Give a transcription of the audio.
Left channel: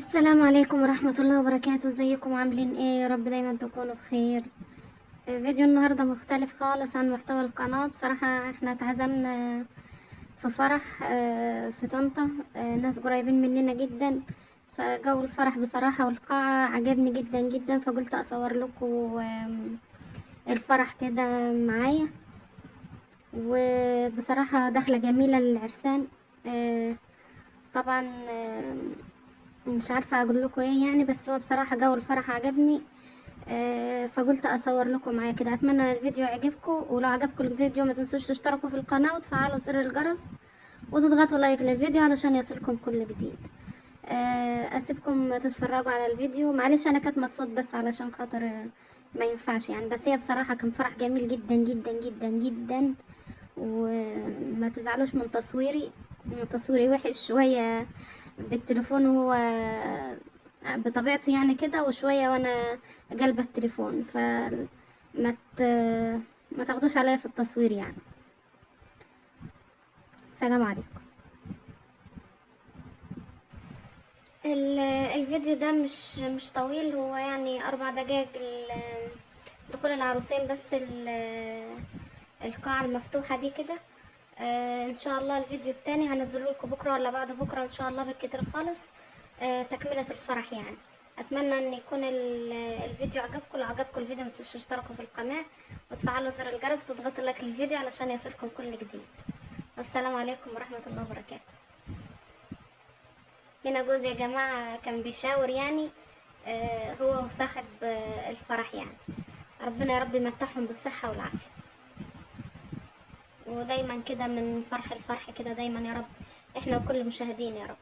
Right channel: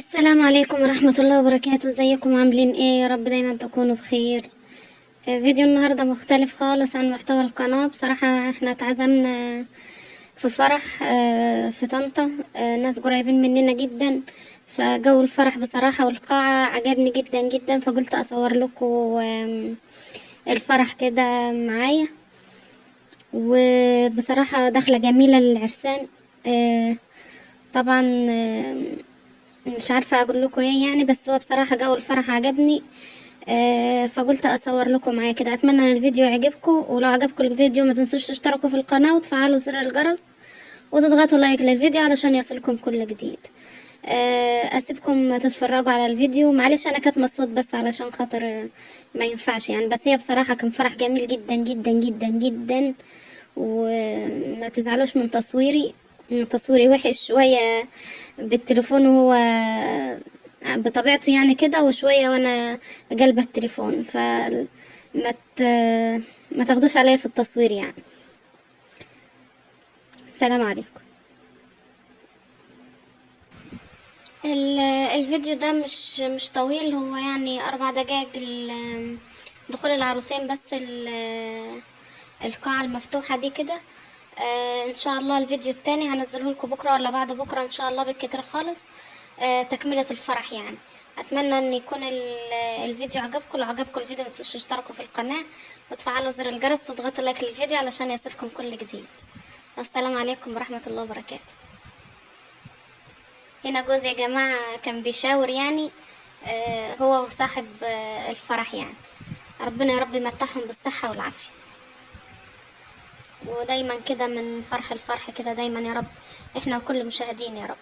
السلام عليكم ورحمة الله وبركاته. ازيكم عاملين ايه؟ يا رب دايما تكونوا بخير. فيديو النهاردة مختلف خالص عن محتوى القناة. بصراحة احنا اتعزمنا في فرح في طنطا، ناس قريبين مننا جدا. فجو الفرح بصراحة والقاعة عجبني جدا جدا، فقلت اصور لكم الفرح كده معايا. وبصراحة دخلة جميلة للعرسان. آه، طبعا مش عارفة اقول لكم ايه يعني، بس هو بصراحة جو الفرح عجبني. فقلت اصور لكم معايا كده. اتمنى ان الفيديو يعجبكم، ولو عجبكم الفيديو ما تنسوش تشتركوا في القناة وتفعلوا زر الجرس وتضغطوا لايك للفيديو علشان يصلكم كل جديد. اسيبكم تتفرجوا على الفيديو. معلش انا كاتمه الصوت بس علشان خاطر ما ينفعش يعني، بس هي بصراحة كان فرح جميل جدا جدا جدا جدا. وما تزعلوش من تصويري، تصويري وحش شوية بالتليفون، وهو بطبيعته يعني كده، وشوية وانا قلبة التليفون، ما ت... ما تاخدوش عليا في التصوير يعني. السلام عليكم. الفيديو ده مش طويل، هو يعني 4 دقايق دخول العروسين بس، القاعة المفتوحة دي كده. ان شاء الله الفيديو التاني هنزله لكم بكرة ولا بعد بكرة ان شاء الله بالكتير خالص. تكملة الفرح يعني. اتمنى ان يكون الفيديو عجبكم. لو عجبكم الفيديو متنسوش تشتركوا في القناة وتفعلوا زر الجرس، تضغطوا لايك للفيديو علشان يصلكم كل جديد. السلام عليكم ورحمة الله وبركاته. هنا جوز يا جماعة كان بيشاور يعني، هو وصاحب الفرح يعني. ربنا يا رب يمتعهم بالصحة والعافية، ودايما كده من فرح الفرح كده دايما يا رب، احنا وكل المشاهدين يا رب.